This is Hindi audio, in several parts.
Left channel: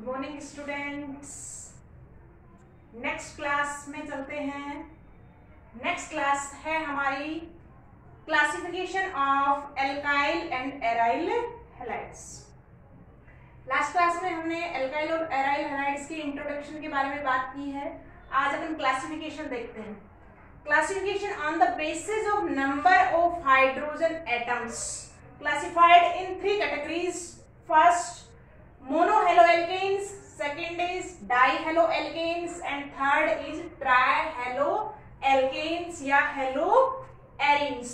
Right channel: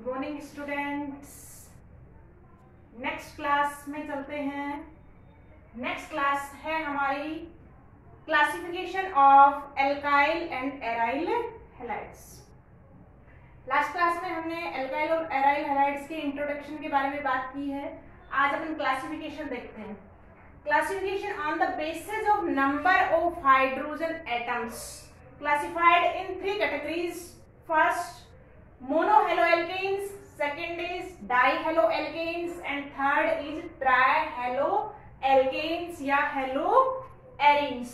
Good morning students. Next class में चलते हैं। नेक्स्ट क्लास है हमारी classification of alkyl and aryl halides. Last class में हमने एल्काइल और एराइल हैलाइड्स के इंट्रोडक्शन के बारे में बात की है। आज अपन क्लासिफिकेशन देखते हैं। Classification on the basis of number of hydrogen atoms classified in three categories. First, monohaloalkanes, second is dihaloalkanes and third is trihaloalkanes या haloarenes.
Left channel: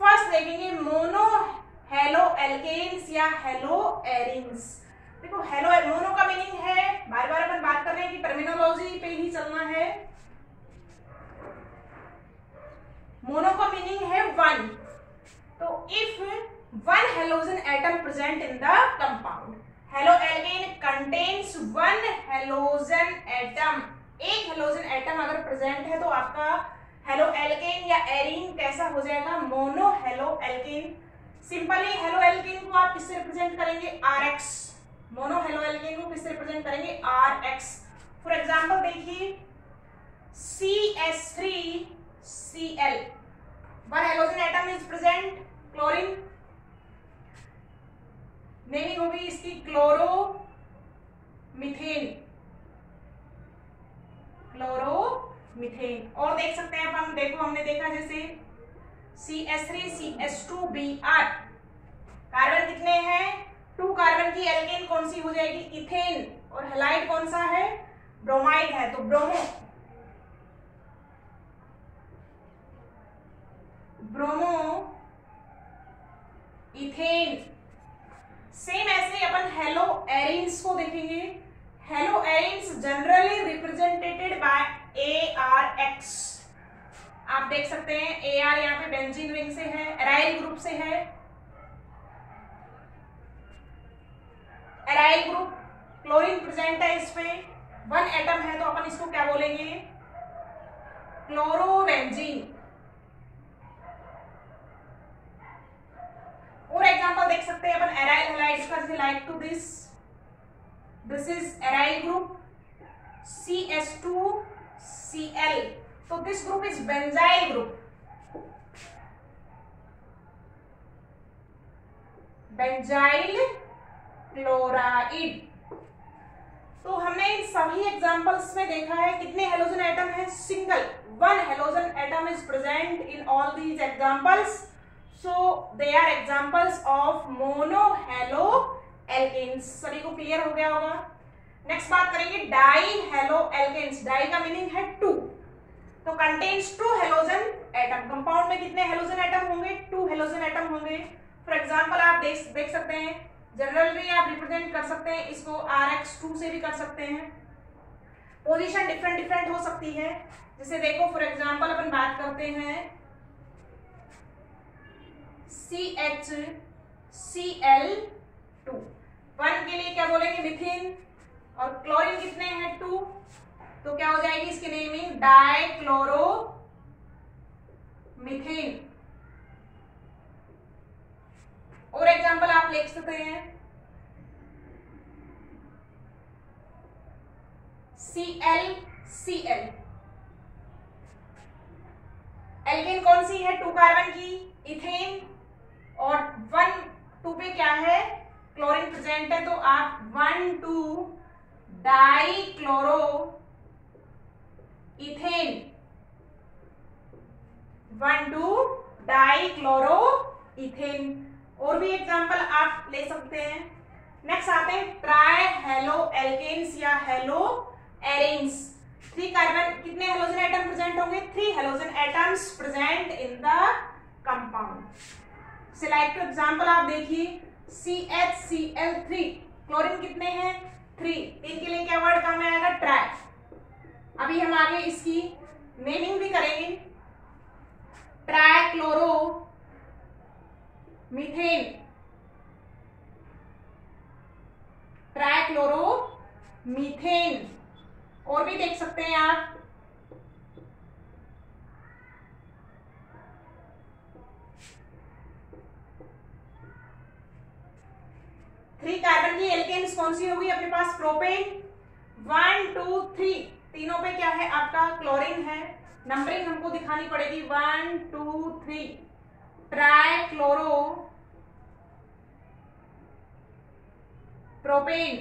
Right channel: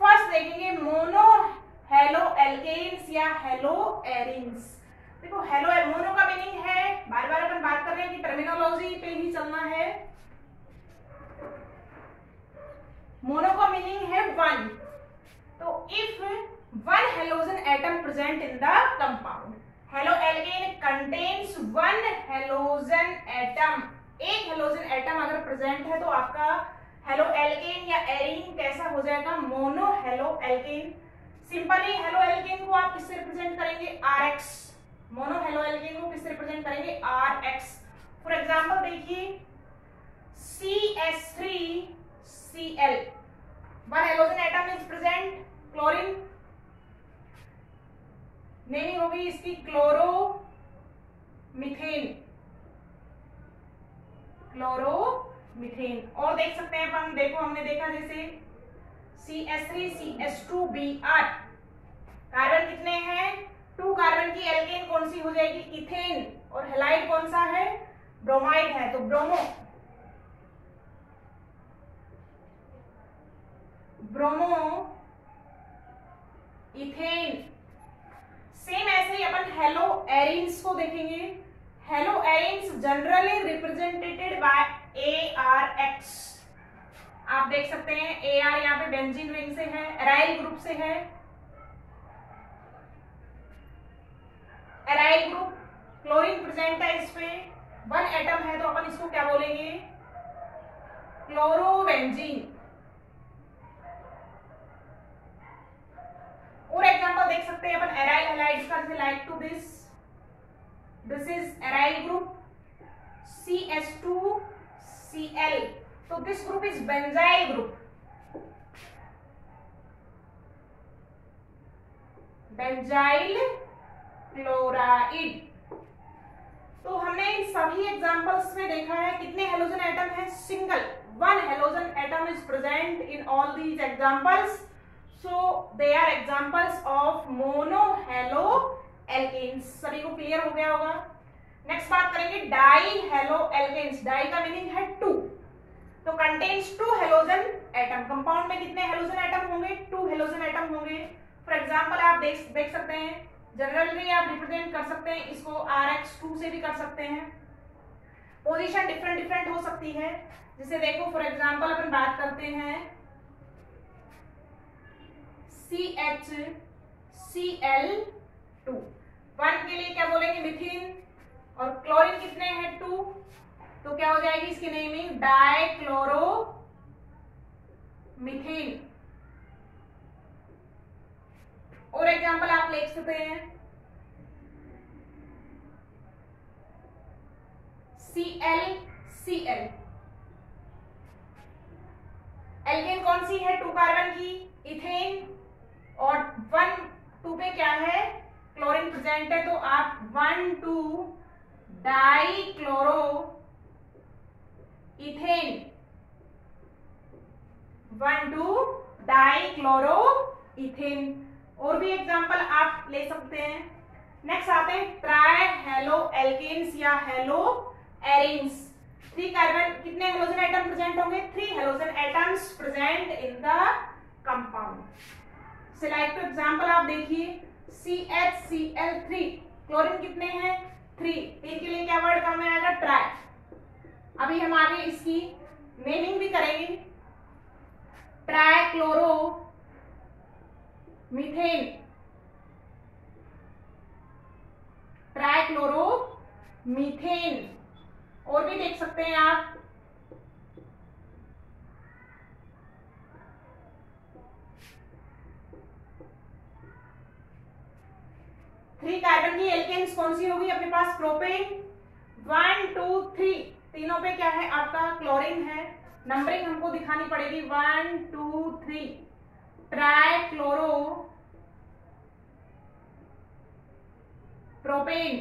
फर्स्ट देखेंगे monohaloalkanes या haloarenes। देखो मोनो का मीनिंग है, बार बार अपन बात कर रहे हैं कि टर्मिनोलॉजी पे ही चलना है। मोनो का मीनिंग है वन। तो if one halogen atom present in the compound, haloalkane contains one halogen atom, एक halogen atom अगर present है तो आपका haloalkane या एरीन कैसा हो जाएगा? monohaloalkane। सिंपली haloalkane को आप किससे रिप्रेजेंट करेंगे? RX। monohaloalkane को किससे रिप्रेजेंट करेंगे? RX। फॉर एग्जांपल देखिए CH3Cl, one halogen atom is present, chlorine. Naming होगी इसकी क्लोरोमीथेन। क्लोरोमीथेन। और देख सकते हैं अपन, देखो हमने देखा जैसे CH3CH2Br, कार्बन कितने हैं? 2 कार्बन की एल्केन कौन सी हो जाएगी? इथेन। और हैलाइड कौन सा है? ब्रोमाइड है, तो ब्रोमो इथेन। सेम ऐसे ही अपन हेलो एरीन्स को देखेंगे। Haloarenes generally represented by ARX। आप देख सकते हैं AR यहाँ पे बेंजीन रिंग से है, एराइल ग्रुप से है। एराइल ग्रुप, क्लोरीन प्रेजेंट है इस पे, 1 एटम है तो अपन इसको क्या बोलेंगे? क्लोरोबेंजीन। और एग्जांपल देख सकते हैं अपन एराइल हैलाइड्स का, जैसे like to this is aryl group CH2Cl, तो this group is benzyl group. Benzyl chloride. तो हमने इन सभी एग्जांपल्स में देखा है कितने हेलोजन एटम है? Single, 1 halogen atom is present in all these examples. So they are examples of monohaloalkanes। सभी को क्लियर हो गया होगा। नेक्स्ट बात करेंगे dihaloalkanes। डाई का मीनिंग है 2, तो contains 2 हेलोजन एटम। कंपाउंड में कितने हेलोजन एटम होंगे? 2 हेलोजन एटम होंगे। फॉर एग्जांपल आप देख सकते हैं, जनरली आप रिप्रेजेंट कर सकते हैं इसको RX2 से भी कर सकते हैं। पोजीशन डिफरेंट हो सकती है। जैसे देखो फॉर एग्जांपल अपन बात करते हैं CHCl2, 1 के लिए क्या बोलेंगे? मिथिन। और क्लोरीन कितने हैं? 2, तो क्या हो जाएगी इसकी नेमिंग? डाइक्लोरोमीथेन। और एग्जांपल आप लिख सकते हैं ClCl। एल्केन कौन सी है? 2 कार्बन की, इथेन। और 1 2 पे क्या है? क्लोरीन प्रेजेंट है, तो आप 1,2 डाइक्लोरो इथेन। 1,2 dichloro ethane. और भी एग्जांपल आप ले सकते हैं। नेक्स्ट आते हैं ट्राइहैलोएल्केन्स या हैलोएरीन्स। 3 कार्बन, कितने हेलोजन एटम प्रेजेंट होंगे? 3 halogen atoms present in the compound. Select example आप देखिए CHCl3, क्लोरीन कितने हैं? 3, 3 के लिए क्या वर्ड काम में आएगा? ट्राई। अभी हम आगे इसकी नेमिंग भी करेंगे। ट्राइक्लोरोमीथेन, ट्राइक्लोरोमीथेन। और भी देख सकते हैं आप 3 कार्बन की एल्केन्स कौन सी होगी अपने पास? प्रोपेन। 1 2 3 तीनों पे क्या है आपका? क्लोरीन है। नंबरिंग हमको दिखानी पड़ेगी 1 2 3 ट्राई क्लोरो प्रोपेन।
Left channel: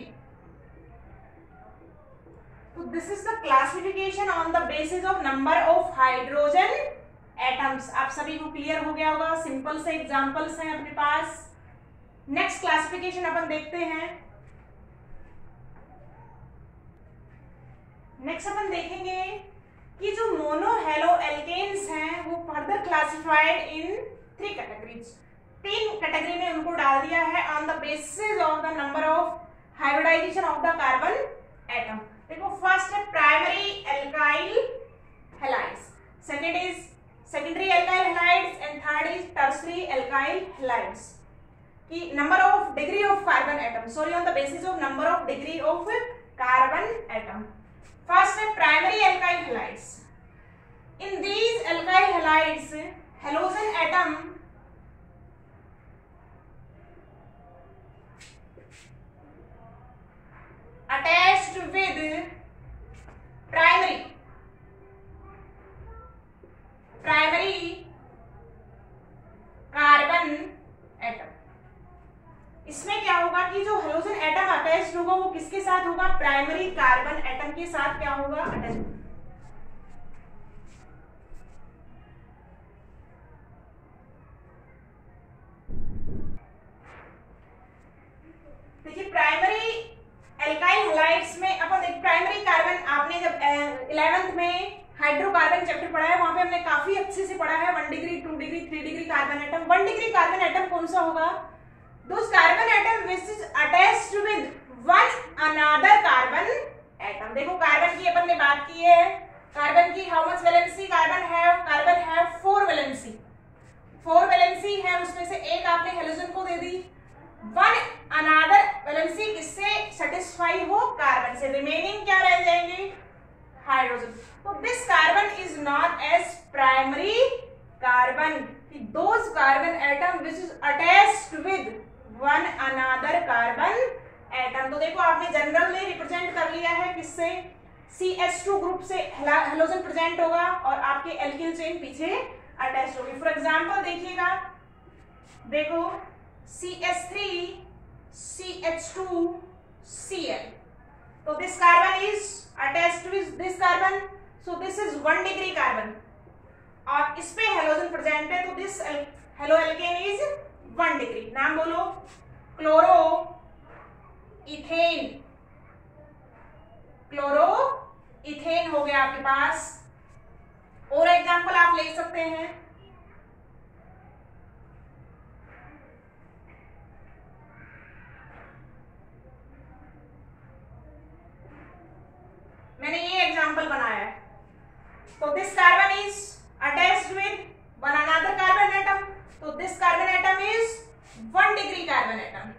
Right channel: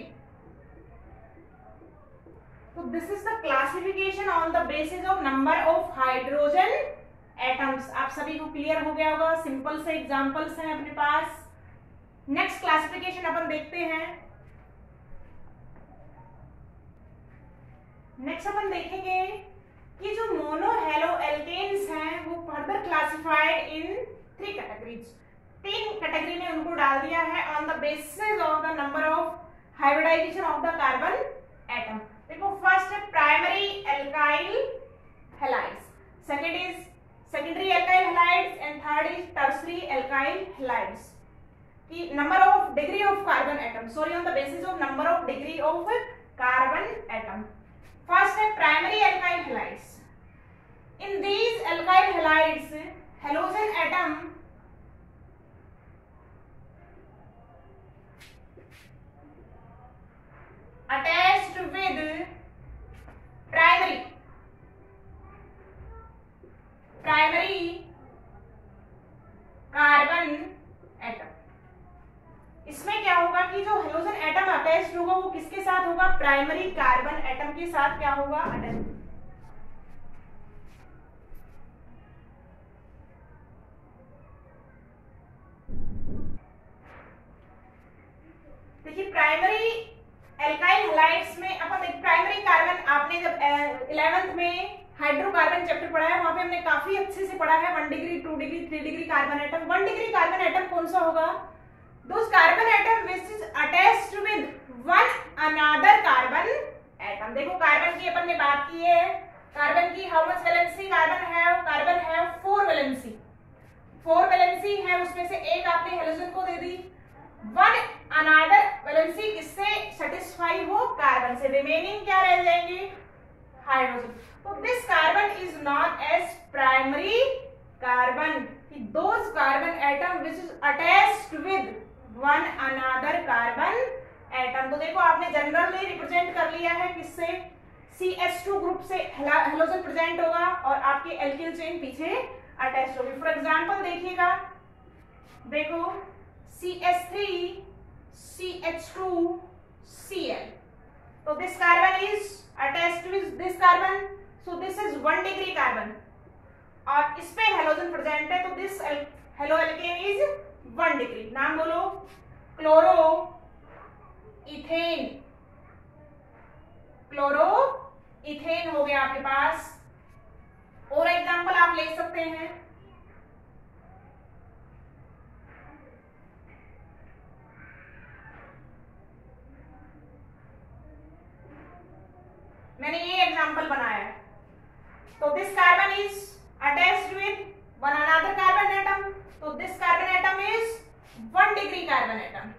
तो this is the classification on the basis of number of hydrogen atoms. आप सभी को क्लियर हो गया होगा। सिंपल से एग्जांपल्स हैं अपने पास। नेक्स्ट क्लासिफिकेशन अपन देखते हैं। नेक्स्ट अपन देखेंगे कि जो मोनो हेलो एल्केन्स हैं वो further classified in 3 categories. 3 category में उनको डाल दिया है on the basis of the number of hybridization of the carbon atom. देखो फर्स्ट है primary alkyl halides, second is secondary alkyl halides and third is tertiary alkyl halides. कि number of degree of carbon atom, sorry on the basis of number of degree of carbon atom. First है primary alkyl halides. In these alkyl halides halogen atom attached with primary carbon atom. इसमें क्या होगा कि जो हेलोजन एटम अटैच्ड होगा वो किसके साथ होगा? प्राइमरी कार्बन एटम के साथ क्या होगा? अटैच। देखिए प्राइमरी एल्काइल हैलाइड्स में अपन एक प्राइमरी कार्बन, आपने जब 11th में हाइड्रोकार्बन चैप्टर पढ़ा है वहां पे हमने काफी अच्छे से पढ़ा है 1 degree 2 degree 3 degree carbon atom. 1 degree carbon atom कौन सा होगा? Those carbon atom which is attached with one another carbon atom. देखो कार्बन की अपन ने बात की है, कार्बन की हाउ मच वैलेंसी कार्बन है? कार्बन है 4 वैलेंसी, 4 वैलेंसी है, उसमें से एक आपने हेलोजन को दे दी। वन अनदर वैलेंसी किससे सेटिस्फाई हो? कार्बन से। रिमेनिंग क्या रह जाएंगे? हाइड्रोजन। तो this carbon is known as primary carbon. Those carbon atom which is attached with one another carbon atom. तो देखो आपने जनरली रिप्रेजेंट कर लिया है किससे? CH2 ग्रुप से हेलोजन प्रेजेंट होगा और आपके एल्किल चेन पीछे अटैच होगी। फॉर एग्जांपल देखिएगा, देखो CH3 CH2 Cl। तो this carbon is attached with this carbon, so this is 1 degree carbon और इस पे हेलोजन प्रेजेंट है, तो this halo alkane is 1 degree. नाम बोलो, क्लोरो इथेन। क्लोरो इथेन हो गया आपके पास। और एग्जांपल आप ले सकते हैं, मैंने ये एग्जांपल बनाया है। तो this carbon is attached with one another carbon atom, तो this carbon atom is 1 degree carbon atom.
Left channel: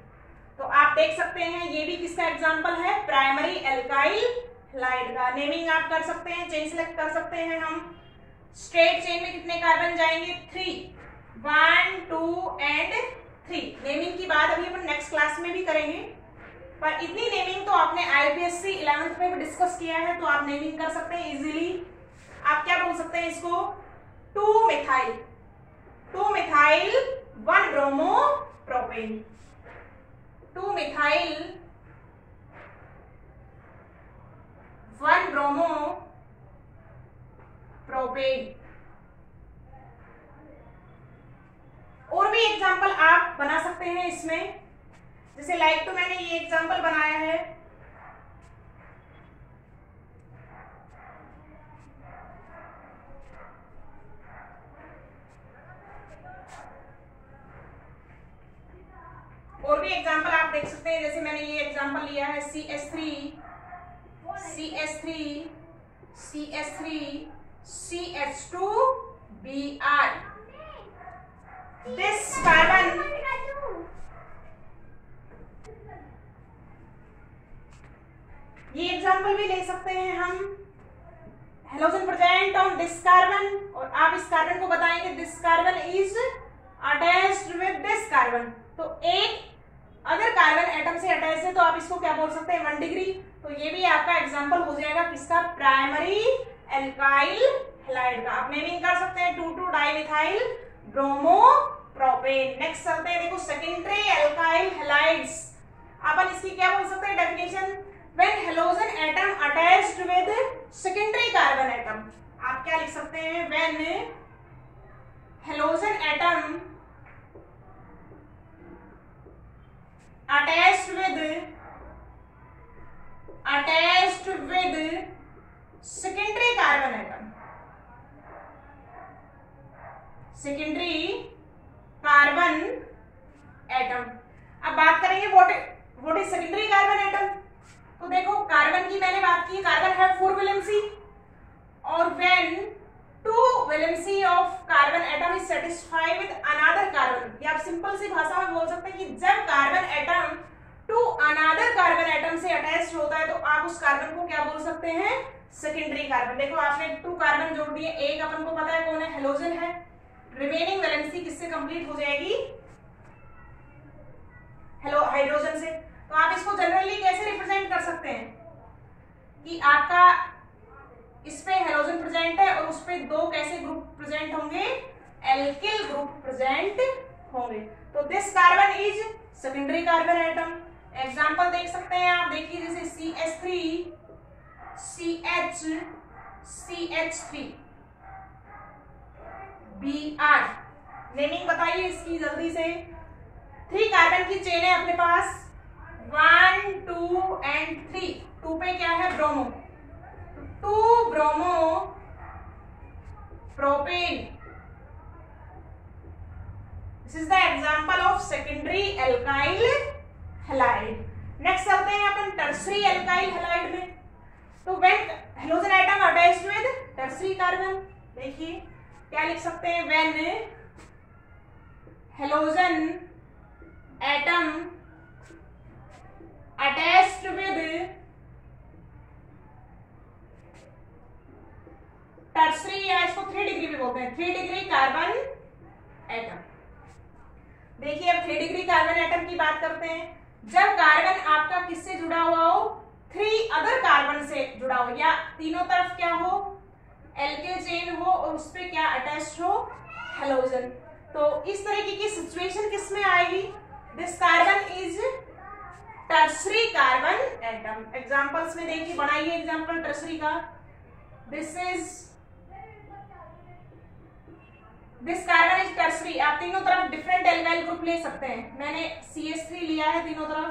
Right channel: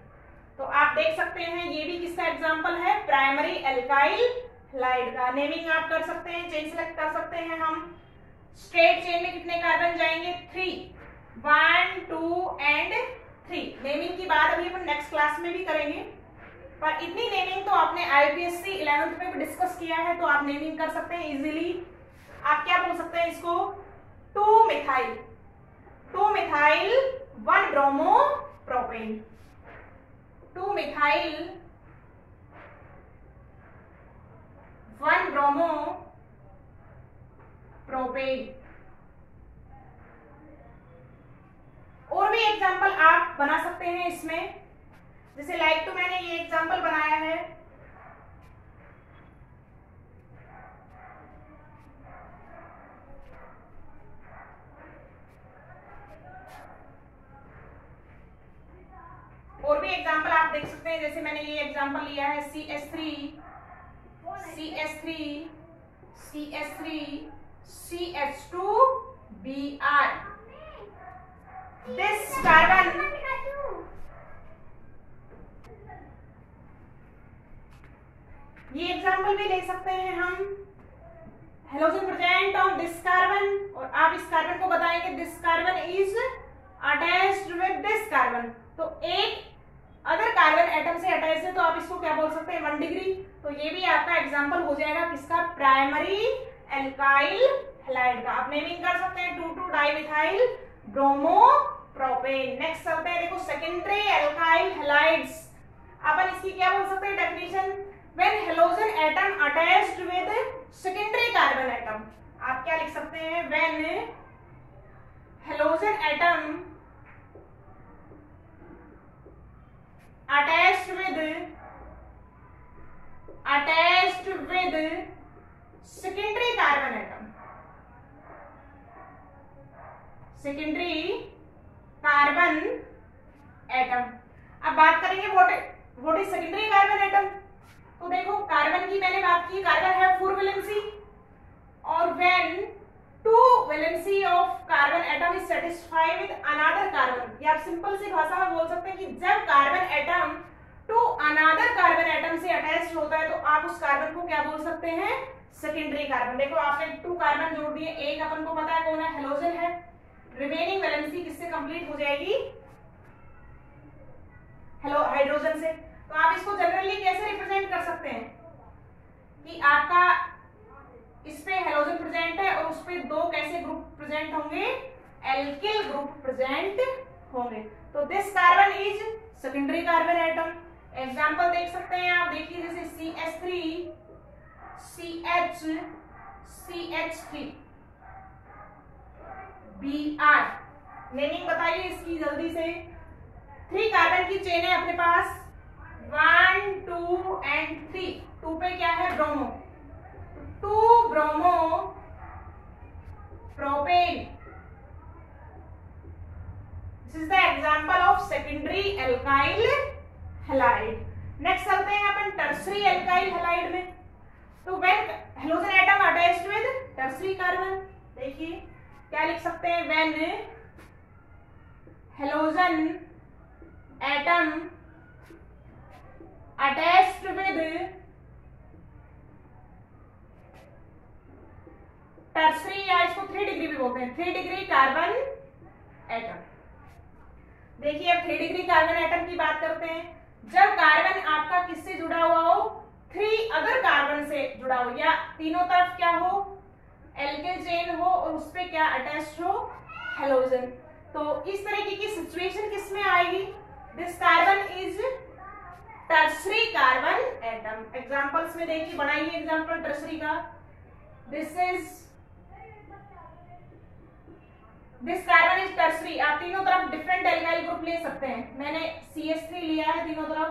तो आप देख सकते हैं ये भी किसका एग्जांपल है? प्राइमरी एल्काइल हैलाइड का। नेमिंग आप कर सकते हैं, चेन सेलेक्ट कर सकते हैं। हम स्ट्रेट चेन में कितने कार्बन जाएंगे? 3, 1 2 एंड 3। नेमिंग की बात अभी अपन नेक्स्ट क्लास में भी करेंगे, पर इतनी नेमिंग तो आपने IUPAC 11th में भी डिस्कस किया है, तो आप नेमिंग कर सकते हैं इजीली। आप क्या बोल सकते हैं इसको? 2 methyl 1 bromo propane. 2 methyl 1 bromo propane. और भी एग्जांपल आप बना सकते हैं इसमें, जैसे लाइक तो मैंने ये एग्जांपल बनाया है। और भी एग्जांपल आप देख सकते हैं, जैसे मैंने ये एग्जांपल लिया है CH3 CH2 Br। This carbon ये एग्जांपल भी ले सकते हैं हम। Halogen present on this carbon और आप इस कार्बन को बताएंगे this carbon is attached with this carbon. तो एक अदर कार्बन एटम से अटैच है तो आप इसको क्या बोल सकते हैं 1 डिग्री। तो ये भी आपका एग्जांपल हो जाएगा किसका, प्राइमरी एल्काइल हैलाइड का। आप नेमिंग कर सकते हैं 2,2 डाइमिथाइल ब्रोमोप्रोपेन। नेक्स्ट चलते हैं, देखो सेकेंडरी एल्काइल हैलाइड्स। अपन इसकी क्या बोल सकते हैं definition, when halogen atom attached with secondary carbon atom. आप क्या लिख सकते हैं, when halogen atom attached with secondary carbon atom, secondary carbon atom। अब बात करेंगे what is secondary carbon atom। तो देखो कार्बन की मैंने बात की, कार्बन है 4 वैलेंसी, और when 2 valency of carbon atom is satisfied with another carbon. या आप सिंपल सी भाषा में बोल सकते हैं कि जब carbon atom to another carbon atom से अटैच होता है तो आप उस कार्बन को क्या बोल सकते हैं, सेकेंडरी कार्बन। देखो आपने 2 कार्बन जोड़ दिए, एक अपन को पता है कौन है, हेलोजन है, रिमेनिंग वैलेंसी किससे कंप्लीट हो जाएगी, हाइड्रोजन से। तो आप इसको जनरली कैसे रिप्रेजेंट कर सकते हैं कि आपका इस पे हेलोजन प्रेजेंट है और उस पे 2 कैसे ग्रुप प्रेजेंट होंगे, एल्किल ग्रुप प्रेजेंट होंगे। तो this carbon is secondary carbon atom. Example देख सकते हैं आप, देखिए जैसे CH3 CH3 Br। नेमिंग बताइए इसकी जल्दी से। 3 कार्बन की चेन है अपने पास, 1 2 एंड 3। 2 पे क्या है, bromo, 2 bromo propane. This is the example of secondary alkyl halide. Next चलते हैं अपन टर्सरी एल्काइल हैलाइड में। तो when halogen atom attached with tertiary carbon, देखिए क्या लिख सकते हैं, when halogen atom attached with tertiary, या इसको 3 डिग्री भी बोलते हैं, 3 डिग्री कार्बन एटम। देखिए अब 3 डिग्री कार्बन एटम की बात करते हैं। जब कार्बन आपका किससे जुड़ा हुआ हो, 3 अदर कार्बन से जुड़ा हो, या तीनों तरफ क्या हो, एल्किल चेन हो, और उस पे क्या अटैच हो, हेलोजन। तो इस तरीके की सिचुएशन किस में आएगी, this carbon is tertiary carbon atom. Examples में देखिए, बनाइए एग्जांपल टर्सरी का। This carbon is tertiary. आप तीनों तरफ डिफरेंट एल्काइल ग्रुप ले सकते हैं, मैंने CH3 लिया है तीनों तरफ।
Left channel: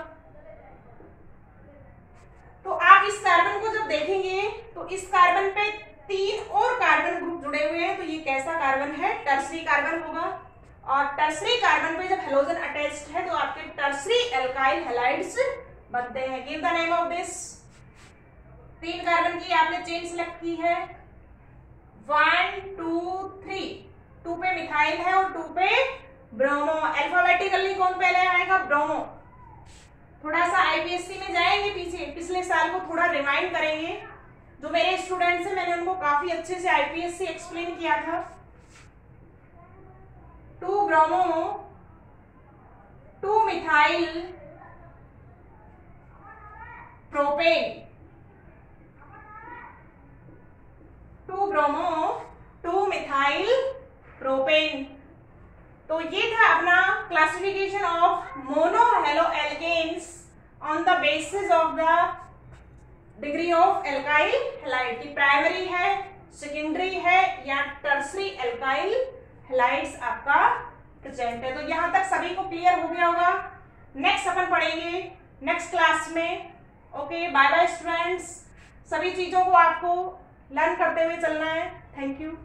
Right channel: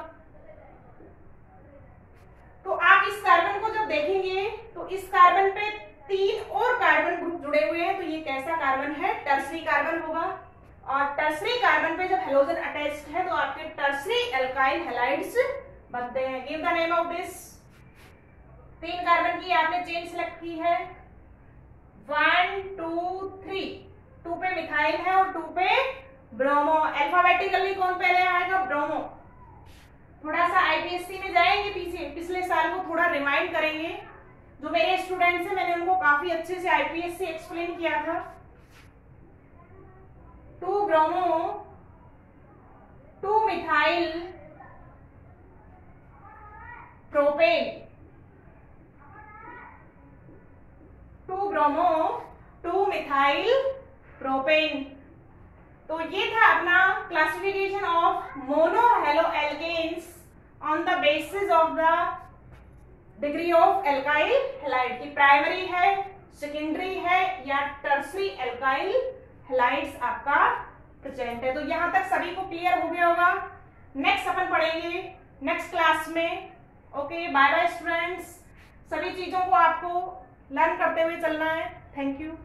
तो आप इस कार्बन को जब देखेंगे तो इस कार्बन पे 3 और कार्बन ग्रुप जुड़े हुए हैं, तो ये कैसा कार्बन है, टर्सरी कार्बन होगा। और टर्सरी कार्बन पे जब हेलोजन अटैच्ड है तो आपके टर्सरी एल्काइल हैलाइड्स बनते हैं। Give the name of this. 3 carbon की आपने चेन सिलेक्ट की है, 1 2 3। 2 पे मिथाइल है और 2 पे ब्रोमो। अल्फाबेटिकली कौन पहले आएगा, ब्रोमो। थोड़ा सा IPSC में जाएंगे पीछे, पिछले साल को थोड़ा रिमाइंड करेंगे। जो मेरे स्टूडेंट्स हैं मैंने उनको काफी अच्छे से IPSC एक्सप्लेन किया था। 2 bromo 2 methyl propane, 2 bromo 2 methyl propane. तो ये था अपना classification of mono halo alkanes on the basis of the degree of alkyl halide की प्राइमरी है, सेकेंडरी है या टर्सरी एल्काइल हैलाइड्स आपका प्रेजेंट है। तो यहां तक सभी को क्लियर हो गया होगा। नेक्स्ट अपन पढ़ेंगे नेक्स्ट क्लास में। Okay, bye bye students. सभी चीजों को आपको लर्न करते हुए चलना है। Thank you.